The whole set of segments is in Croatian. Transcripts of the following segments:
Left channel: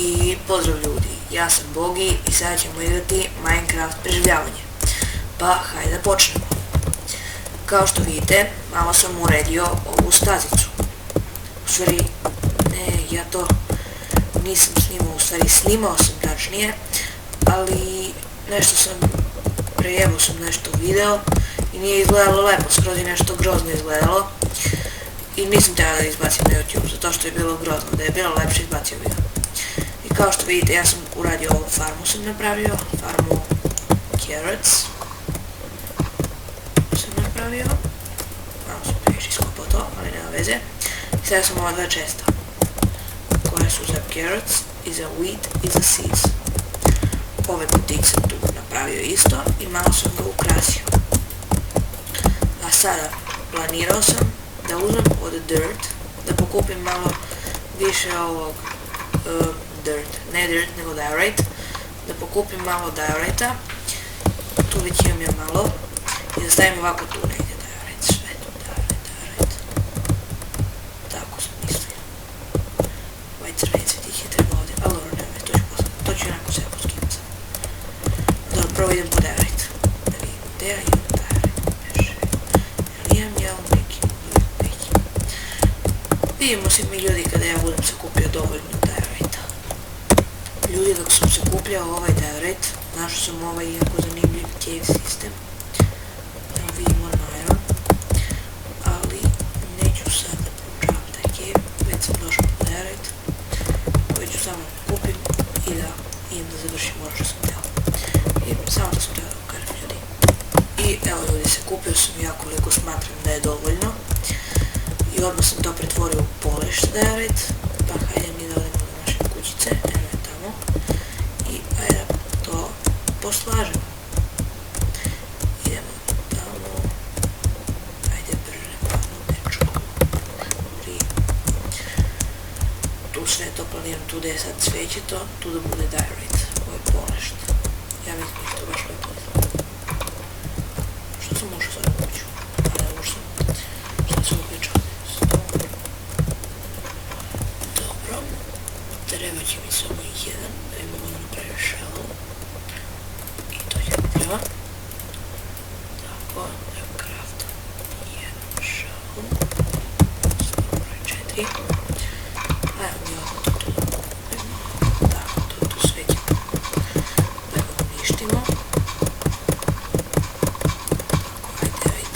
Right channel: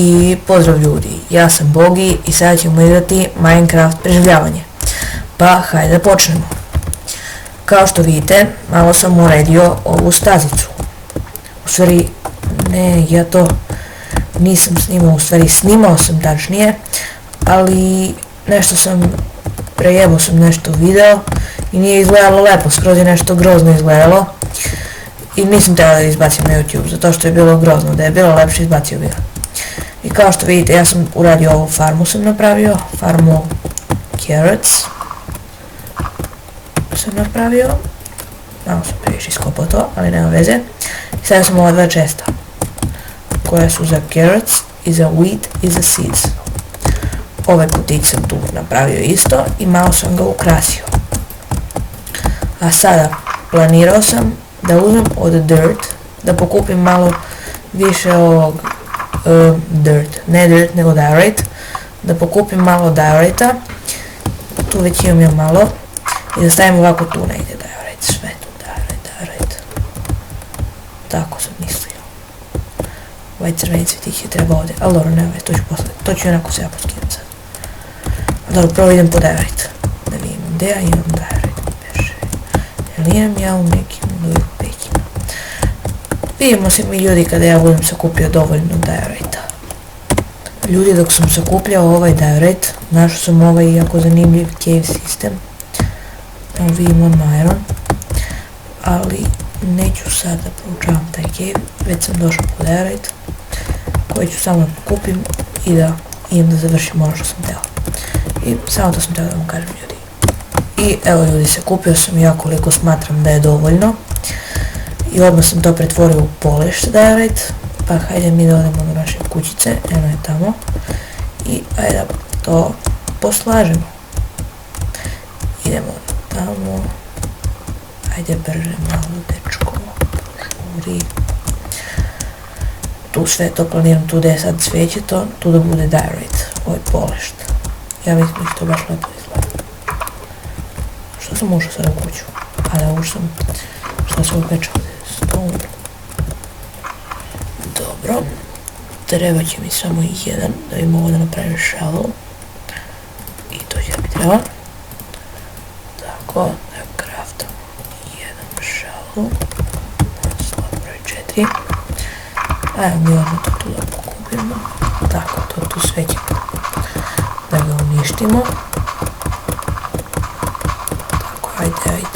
I pozdrav ljudi, ja sam Bogi i sada ćemo igrati Minecraft preživljavanje. Pa hajde da počnemo. Kao što vidite, malo sam uredio ovu stazicu. U stvari, ne, ja to nisam snimao, u stvari snimao sam tačnije, ali nešto sam, prejebao sam nešto video i nije izgledalo lepo, skroz je nešto grozno izgledalo. I nisam trebao da izbacim na YouTube, zato što je bilo grozno, da je bilo lepše izbacio video. I kao što vidite, ja sam uradio ovu farmu, sam napravio, farmu carrots sam napravio, malo sam previše iskopao to, ali nema veze. I sada sam ova dva česta, koja su za carrots i za wheat i za seeds. Ove kutiće sam tu napravio isto i malo sam ga ukrasio. A sada planirao sam da uzmem od dirt, da pokupim malo više ovog ne dirt nego diorite, da pokupim malo diorita, tu već imam ja malo, i da stavim ovako tu negdje diorite, sve tu diorite, tako sam mislio. Ovaj crveni cvjetić je treba ovdje, ali dobro, nema, to ću onako se ja poskinuti sad. Dobro, prvo idem po diorite, da vidim gdje ja imam diorite, jer imam ja u nekim nekim. Vidimo se mi ljudi kada ja budem sakupio dovoljno diorita. Ljudi, dok sam sakupljao ovaj diorite, našao sam ovaj jako zanimljiv cave sistem. Tamo vidimo iron, ali neću sad da poučavam taj cave, već sam došao po diorite, koji ću samo da pokupim i da idem da završim ono što sam teo. I samo to sam teo da vam kažem, ljudi. I evo ljudi, sakupio sam ja koliko smatram da je dovoljno. I odmah sam to pretvorio u polished diorite, pa hajde mi da odemo do naše kućice, eno je tamo. I hajde da to poslažemo. Idemo tamo, hajde brže malo dečko, žuri. Tu sve to planiram, tu da je sad sveće to, tu da bude diorite, ovo je polished. Ja vidim da će to baš lepo izgleda. Što sam ušao sad u kuću? A da ušao sam, što sam upečao. Dobro, treba će mi samo jedan da bi mogo da napravim shovel i to će mi treba. Tako, da craftam jedan shovel, slabo broj 4. Ajmo mi odmah to tu da pokupimo, tako, to tu sve ćemo da ga uništimo. Tako, ajde.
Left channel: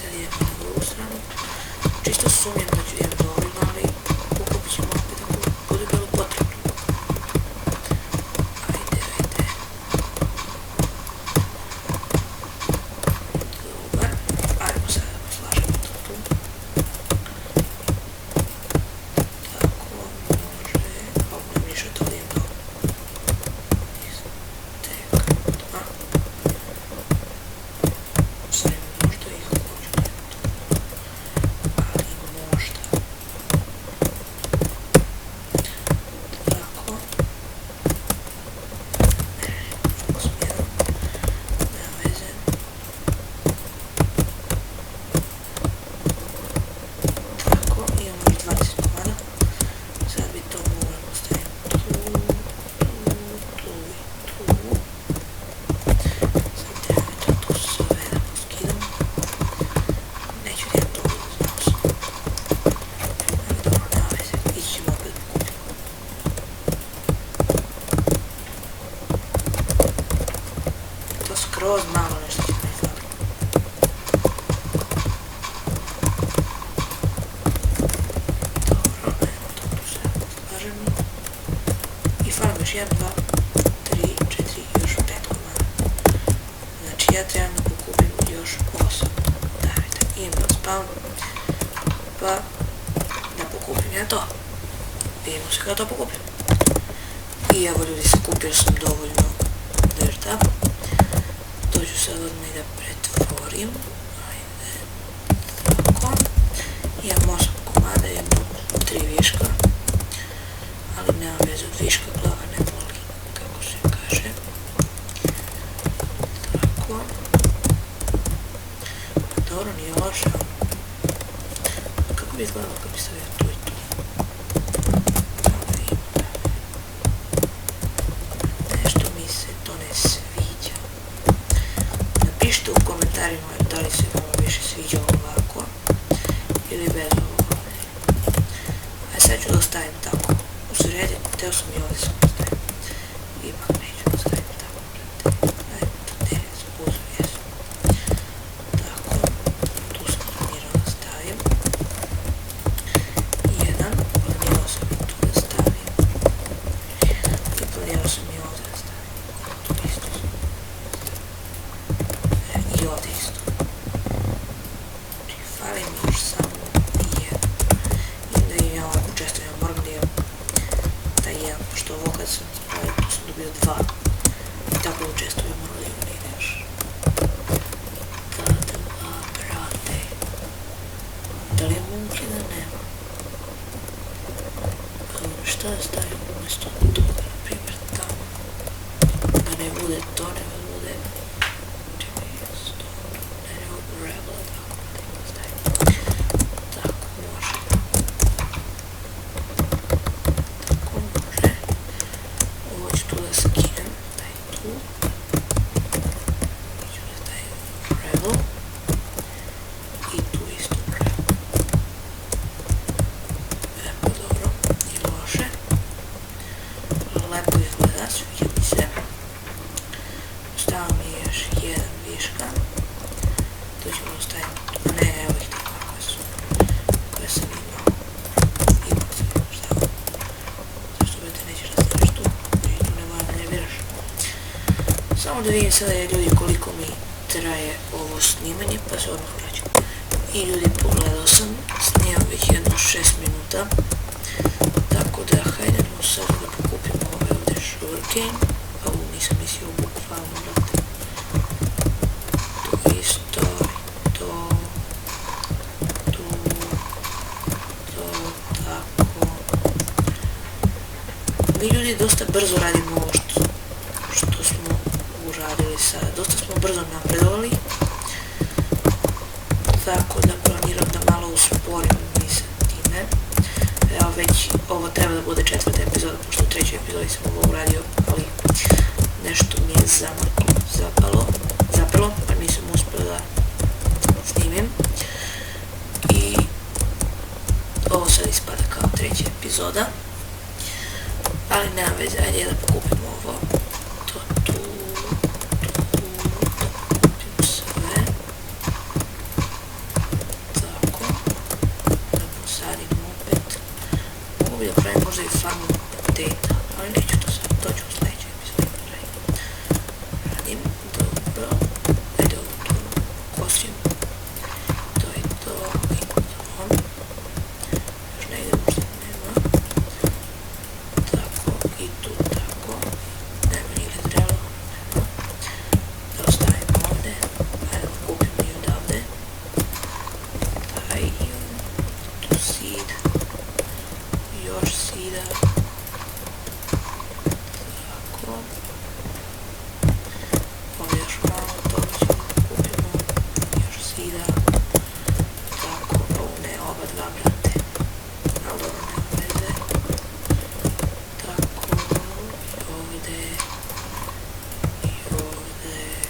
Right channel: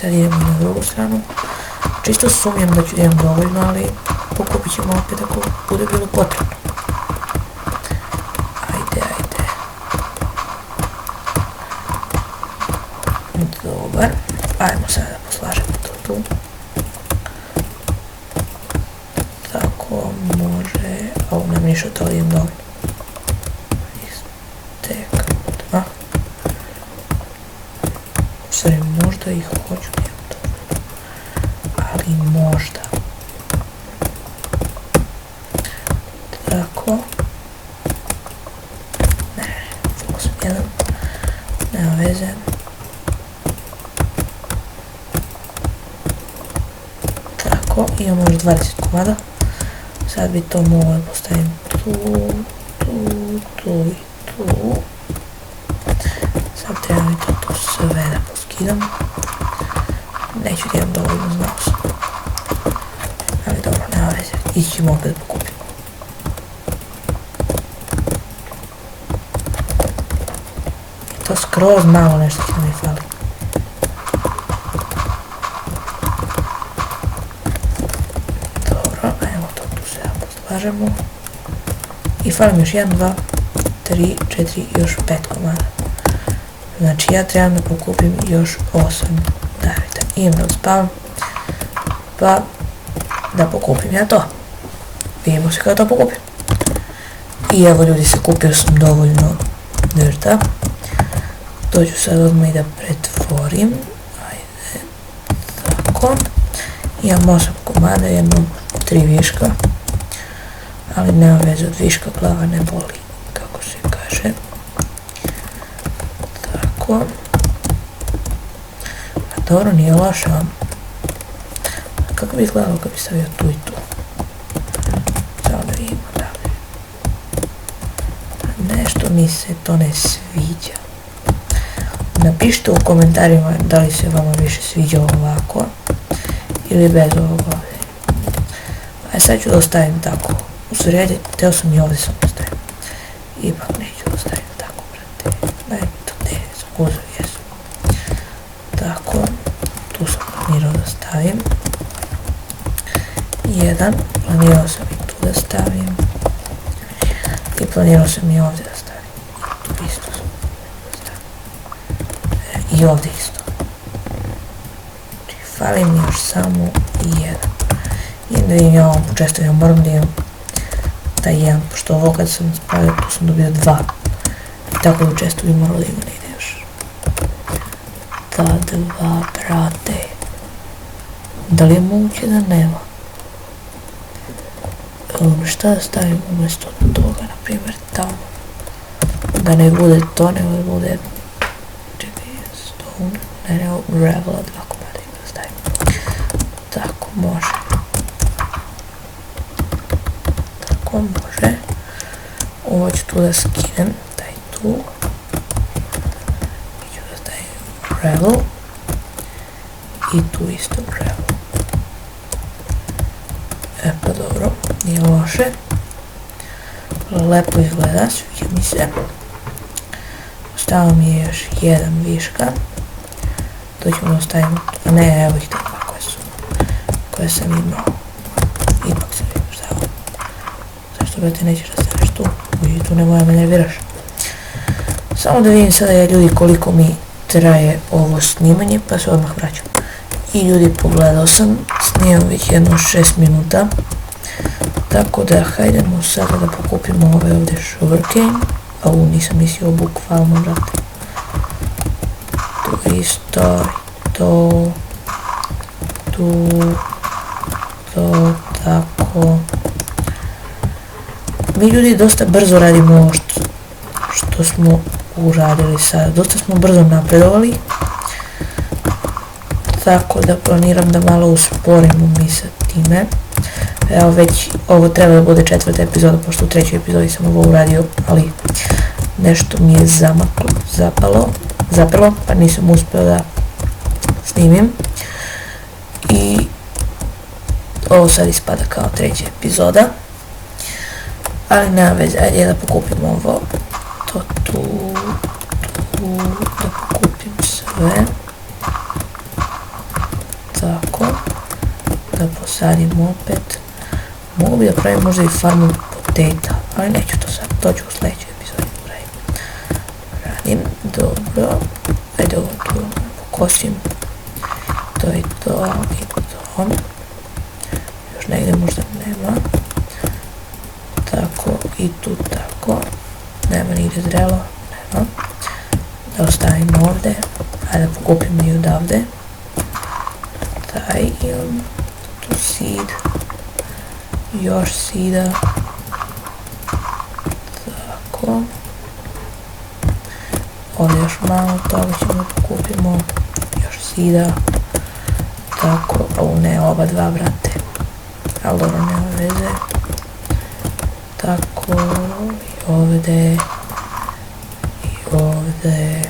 Sad idemo na drugu stranu. Čisto sumnjam da ću imam dovoljno, ali pokupit ćemo opet ako bude bilo potrebno. Ajde. Dobar. Ajmo sada da poslažemo to tu. Tako može... Ovo me mišao to lijem dovoljno. Istekno. Sve možda ih hoću. Ali možda. Tako. Ne, ovo sam jedan. Nema veze. Tako, imamo još 20 komada. Sad bi to mogla postaviti tu i tu. Sad treba mi to sve da poskidam. Neću da imam dovoljno, znao sam. Ali dobro, nema veze. Ići ćemo opet pokupiti. To skroz malo nešto što mi fali. Dobro, evo to tu sve poslažemo. I falim još 1, 2, 3, 4, još 5 komada. Znači ja trebam da pokupim još 8 diorita. Idem da uspavam, pa da pokupim ja to. Vidimo se kada to pokupim. I evo ljudi, sakupio sam dovoljno dirta. To ću sad odmah i da pretvorim. Ajde. Tako. Imam 8 komada, imam 3 viška. Ali nema veze, od viška glava ne boli, kako se kaže. Tako. Pa dobro, nije loše. Kako bi izgledalo kad bi stavio tu i tu? Samo da vidimo, da. Nešto mi se to ne sviđa. Napišite u komentarima da li se vama više sviđa ovako ili bez ovoga ovdje. A sad ću da ostavim tako. U sredi, teo sam i ovdje sam ostavim. Ipak neću da ostavim tako. Eto, ne, skoro jesam. Tako, tu sam planirao da stavim. Jedan, planirao sam i tu da stavim. I planirao sam i ovdje da stavim. Tu isto sam da stavim. I ovdje isto. Fali mi još samo jedan. I da im ja ovo često ja moram da imam taj jedan, pošto ovo kad sam spravio tu sam dobio dva. I tako da često bi moralo da ima nije još. Ta dva, brate. Da li je moguće da nema? Šta da stavim umjesto toga, na primjer tamo. Da ne bude to, nego da bude stone, ne, gravel, tako da stavim. Tako može. Tako može. Ovo ću tu da skinem, daj tu. Ću da stavim gravel. I tu isto gravel. Pa dobro, nije loše. Lepo izgleda, sviđa mi se. Ostao mi je još jedan viška. To ćemo ostaviti, ne, evo ih takva koje sam imao. Ipak sam imao stavio. Zašto brate nećeš da staviš tu? I tu ne moja me nerviraš. Samo da vidim sada ljudi koliko mi traje ovo snimanje, pa se odmah vraćam. I ljudi, pogledao sam, snimam već jedno 6 minuta. Tako da hajdemo sada da pokupimo ove ovdje sugarcane. A ovo nisam mislio bukvalno, brate. Tu isto, to, tu, to, tako. Mi ljudi dosta brzo radimo ovo što smo uradili sad. Dosta smo brzo napredovali. Tako da planiram da malo usporimo mi sa time. Evo već, ovo treba da bude 4. epizoda, pošto u 3. epizodi sam ovo uradio, ali nešto mi je zapelo, pa nisam uspio da snimim. I ovo sad ispada kao 3. epizoda. Ali nema veze, ajde da pokupimo ovo. To tu, da pokupim sve. Tako, da posadim opet. Mogu bi da pravim možda i farmu potato, ali neću to sad, to ću u sljedećoj epizodi radim. Dobro, ajde ovo tu kosim. To je to i to. Još negdje možda nema. Tako i tu tako. Nema nigdje drelo, nema. Da ostavim ovdje, ajde da pokupim i odavde. Taj imam tu seed. Još sida. Tako. Ovdje još malo toga ćemo da kupimo. Još sida. Tako. Ovo ne, oba dva, brate. Ali dobro, nema veze. Tako. I ovdje. I ovdje.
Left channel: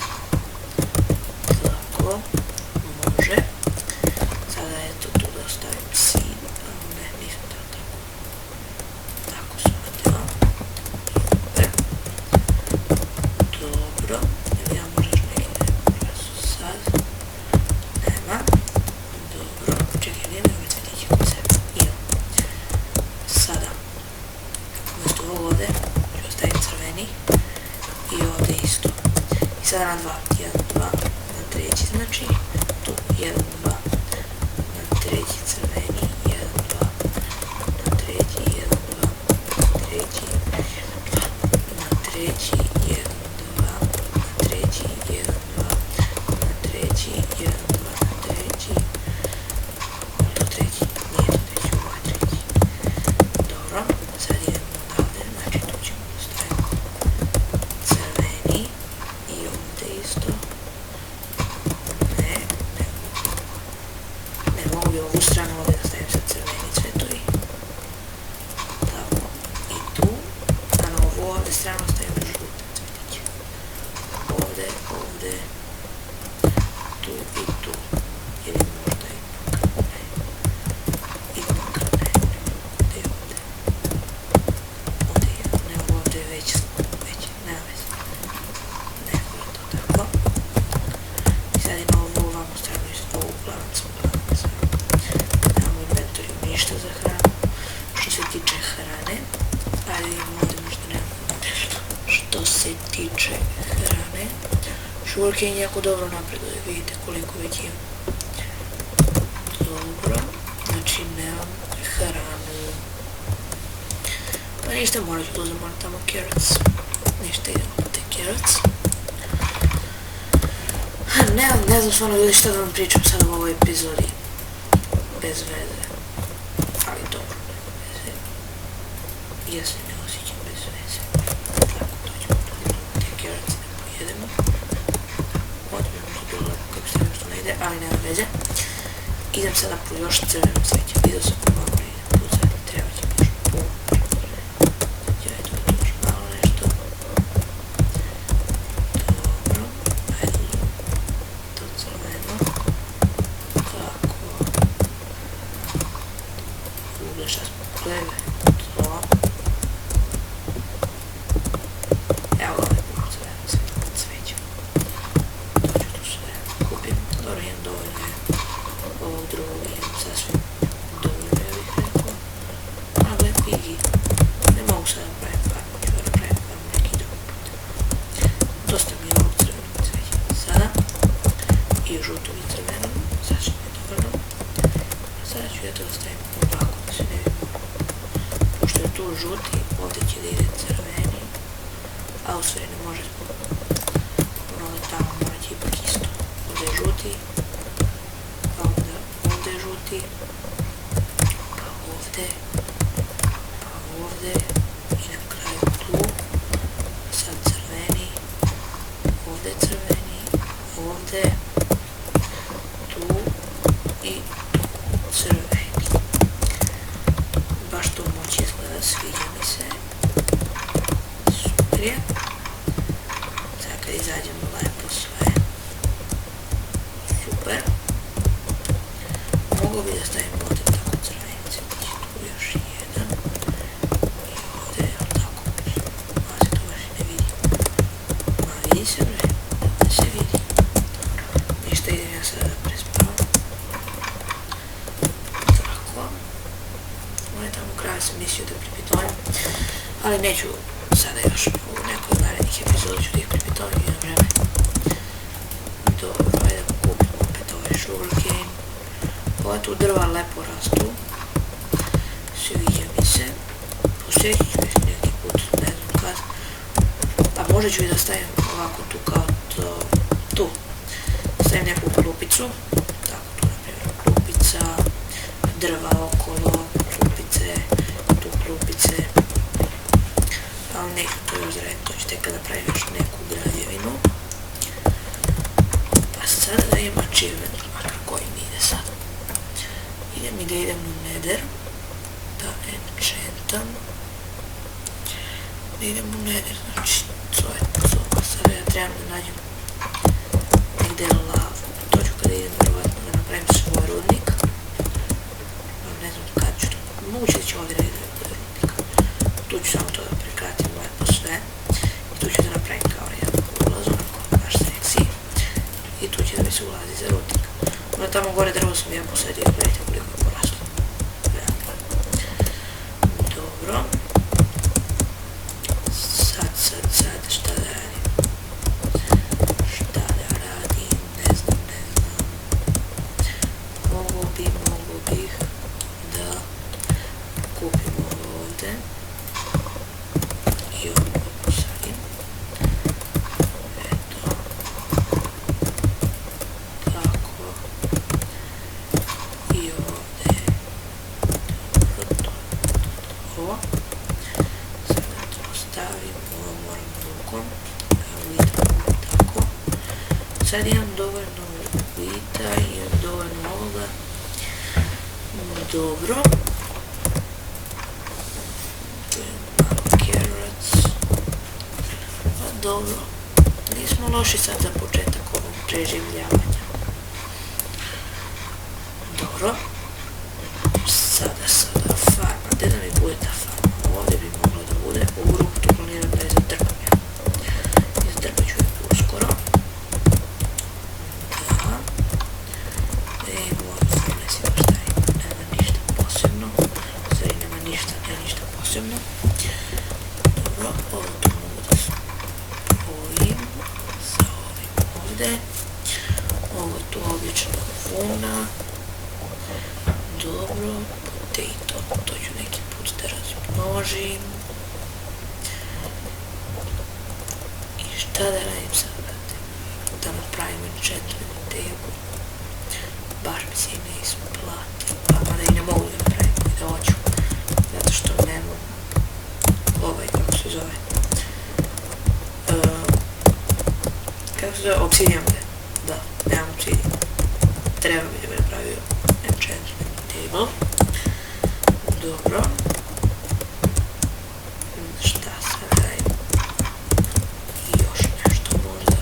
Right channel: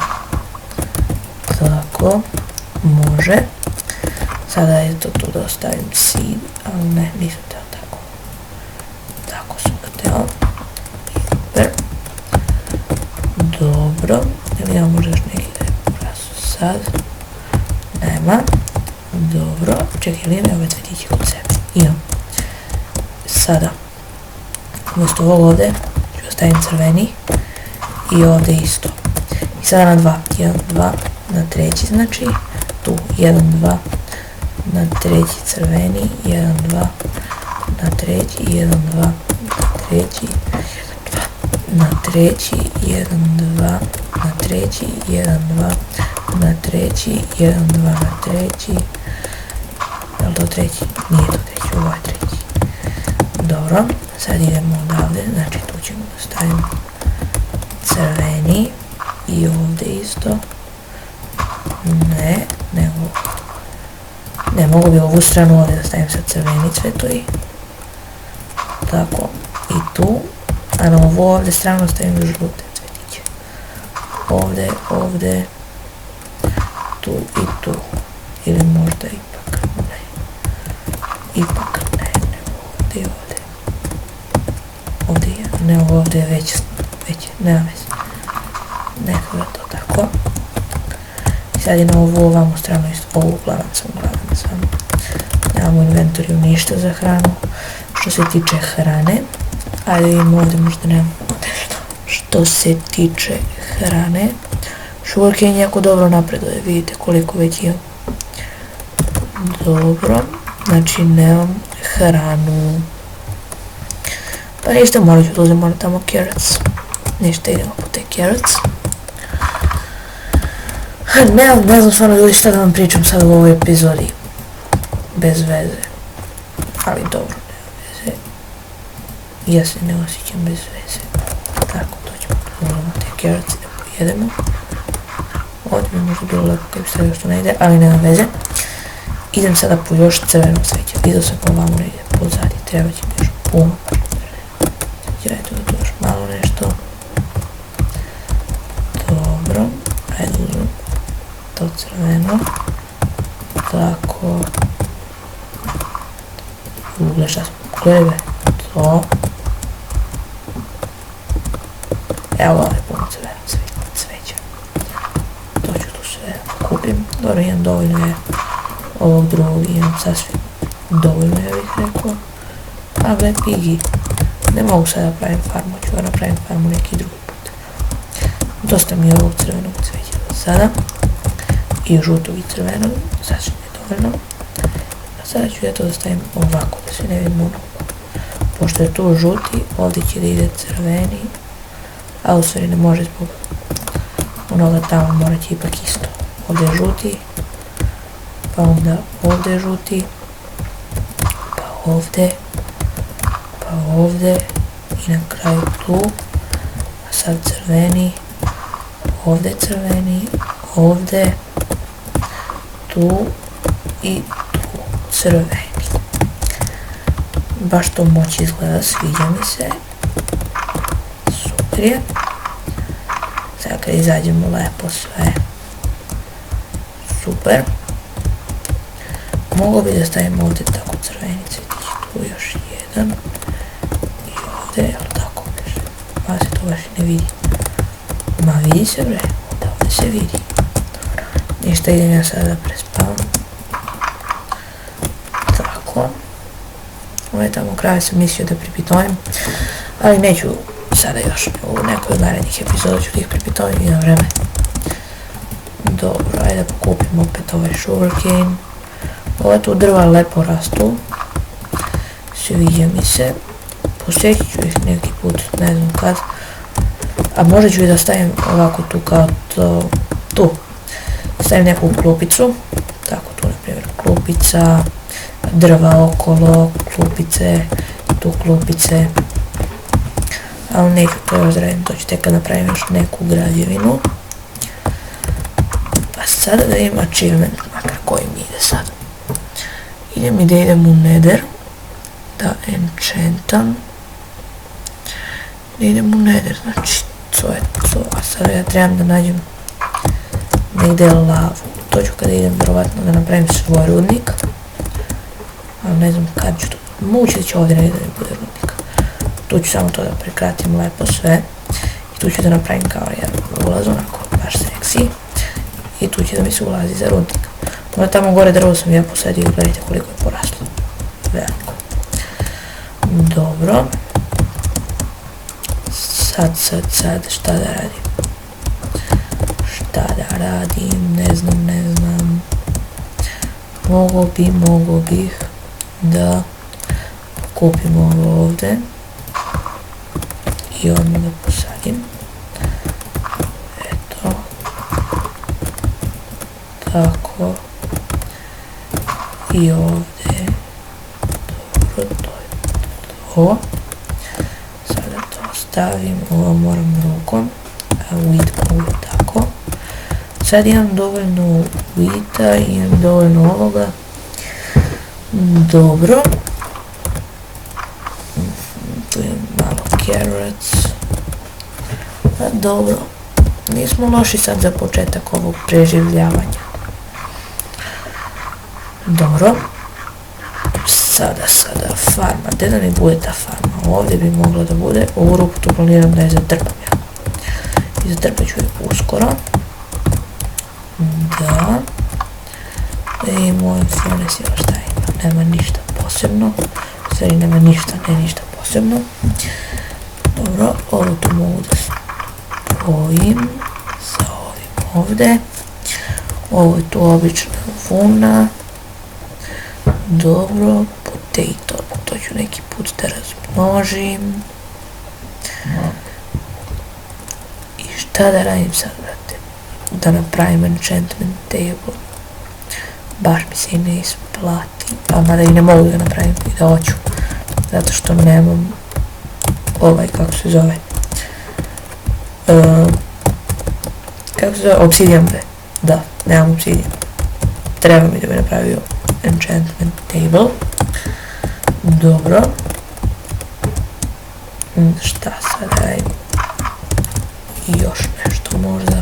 Tako. Može. Sada je to tu da ostavim seed. Ali ne, nisam teo tako. Tako sam teo. Dobro. Ne vidimo možda još neki sad. Nema. Dobro. Čekaj, ili ne ove cvetiće od sebe. Imam. Sada. Umjesto ovog ovdje ću ostavim crveni. I ovdje isto. I sada na 2. 1, 2. Na treći znači. Tu 1, 2. Na treći crveni. 1, 2. Na treći. 1, 2. Na treći. Na treći. 1, 2. Na treći. 1, 2. Na treći. 1, 2. Na treći. Da li to treći? Nije to treći, ovo je treći. Dobro, sad idemo odavde, znači tu ćemo da stavimo crveni i ovdje isto. Ne, nego Ne, mogu bi ovu stranu ovdje da stavim sa crveni cvetovi. Tako, i tu. A na ovu ovdje stranu stavim žute cvetiće. Ovdje, ovdje, tu i tu. Ili možda ipak ne. Ipak ne, ovdje, ovdje. Ovdje, ne, ovdje je već, nema već. Neko je to tako. Sad ima ovu ovamo stranu, ovu uglavnom sam nemamo inventoriju ništa za hranu. Što se tiče hrane, ali ovdje možda nemamo nešto. Što se tiče hrane, sugarcane jako dobro napreduje, vidite koliko već imam. Dobro, znači nemam hranu. Pa ništa, morat ću da uzem tamo carrots. Ništa, idemo po te carrots. Ne znam stvarno ljudi šta da vam pričam sad u ovoj epizodi. Bez veze. Ali dobro, bez veze. Ja se ne osjećam bez veze. Tako, dođemo na te carrots, jedemo. Ovdje mi možda bilo lepo kad bi sve još to ne ide, ali nema veze. Idem sada po još crveno cveće. Vidio sam po vamo negdje pozadnje, treba će još puno. Gledajte mi još malo nešto. Dobro, ajde uzmem to crveno. Tako. Gle šta smo gledali, to. Evo ovdje puno crveno cveća. To ću tu sve kupim. Dobro, imam dovoljno je ovog drugog, imam sasvim dovoljno, ja bih rekao. A gle, pigi. Ne mogu sada pravim farmu, ću ga napravim farmu neki drugi put. Dosta mi je ovog crvenog cveća sada. I žutog i crvenog, sasvim je dovoljno. A sada ću ja to da stavim ovako, da se ne vidim ono. Pošto je tu žuti, ovdje će da ide crveni. A u stvari ne može zbog onoga tamo, morat će ipak isto. Ovdje je žuti. Pa onda ovdje žuti, pa ovdje i na kraju tu, a sad crveni, ovdje crveni, ovdje, tu i tu crveni. Baš to moći izgleda, sviđa mi se, super je. Sad kad izađemo lepo sve, super. Mogu bi da stavim ovdje tako crvenice, tu još jedan i ovdje, evo tako, malo se to baš ne vidi. Ma vidi se bre, ovdje se vidi. Ništa, idem ja sada da prespavam. Tako. Ovo je tamo kraj, sam mislio da pripitonim, ali neću sada još u nekoj narednih epizoda ću da ih pripitonim, idem vreme. Dobro, ajde da pokupim opet ovaj sugarcane. Ove tu drva lepo rastu, sviđa mi se, posjetit ću ih neki put, ne znam kad, a možda ću i da stavim ovako tu kao to, tu, stavim neku klupicu, tako tu na primjer klupica, drva okolo, klupice, tu klupice, ali neću to razradim, to ću tek kad napravim još neku građevinu. Pa sada da imam achievement, makar koji mi ide sad. Idem i da idem u Nether, da enchantam, da idem u Nether, znači to je to, a sada ja trebam da nađem negdje lavu, to ću kada idem vjerovatno da napravim svoj rudnik, a ne znam kad ću to, moguće da će ovdje negdje da bude rudnik, tu ću samo to da prekratim lepo sve, i tu ću da napravim kao jedan ulaz, onako baš seksi, i tu će da mi se ulazi za rudnik. Ovo tamo gore drvo sam ja posadio, gledajte koliko je poraslo. Veliko. Dobro. Sad, šta da radim? Šta da radim? Ne znam. Mogu bih da kupim ovo ovdje. I ovdje ga posadim. Eto. Tako. I ovdje to. Sada to stavim, ovo moram rukom, a wheat tako. Sad imam dovoljno wheata, imam dovoljno ovoga Dobro. Tu je malo carrots. Dobro. Nismo loši sad za početak ovog preživljavanja. Dobro. Sada farma. Gdje da mi bude ta farma? Ovdje bi mogla da bude. Ovu ruku tu planiram da je zatrpam. I zatrpat ću je uskoro. Da. I moj furnace je ostaje. Nema ništa posebno. Stvari nema ništa posebno. Dobro, ovo tu mogu da spojim sa ovim ovdje. Ovo je tu obična vuna. Dobro, potato, to ću neki put da razmnožim. I šta da radim sad, brate? Da napravim enchantment table. Baš mi se i ne isplati. A mada i ne mogu da napravim i da hoću. Zato što nemam kako se zove. Kako se zove? Obsidian, bre. Da, nemam obsidian. Treba mi da bi napravio enchantment table. Dobro. Šta sad radim? I još nešto možda.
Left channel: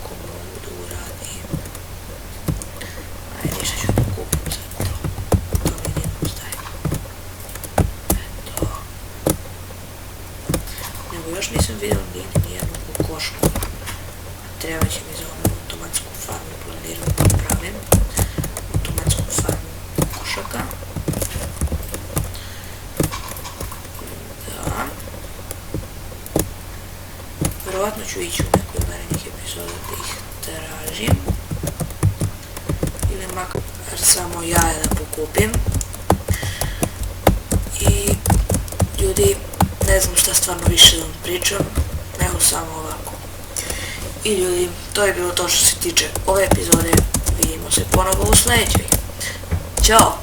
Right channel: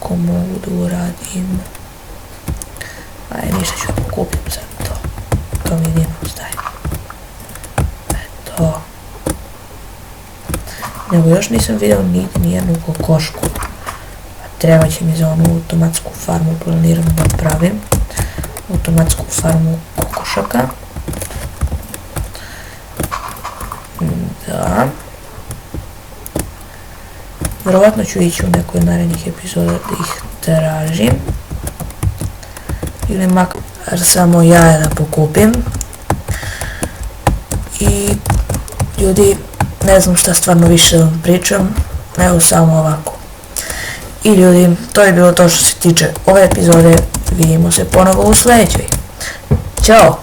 Ko mogu da uradim? Ajde, ništa ću da kupim sad to. Kao mi nije postaje. Eto. Nego još nisam vidio nijednu kokošku. Treba će mi za onu automatsku farmu planiram da pravim. Automatsku farmu kokošaka. Da. Vjerovatno ću ići u nekoj narednih epizoda da ih tražim. Ili makar samo jaja da pokupim. I ljudi, ne znam šta stvarno više da vam pričam, nego samo ovako. I ljudi, to je bilo to što se tiče ove epizode. Vidimo se ponovo u sljedećoj. Ćao!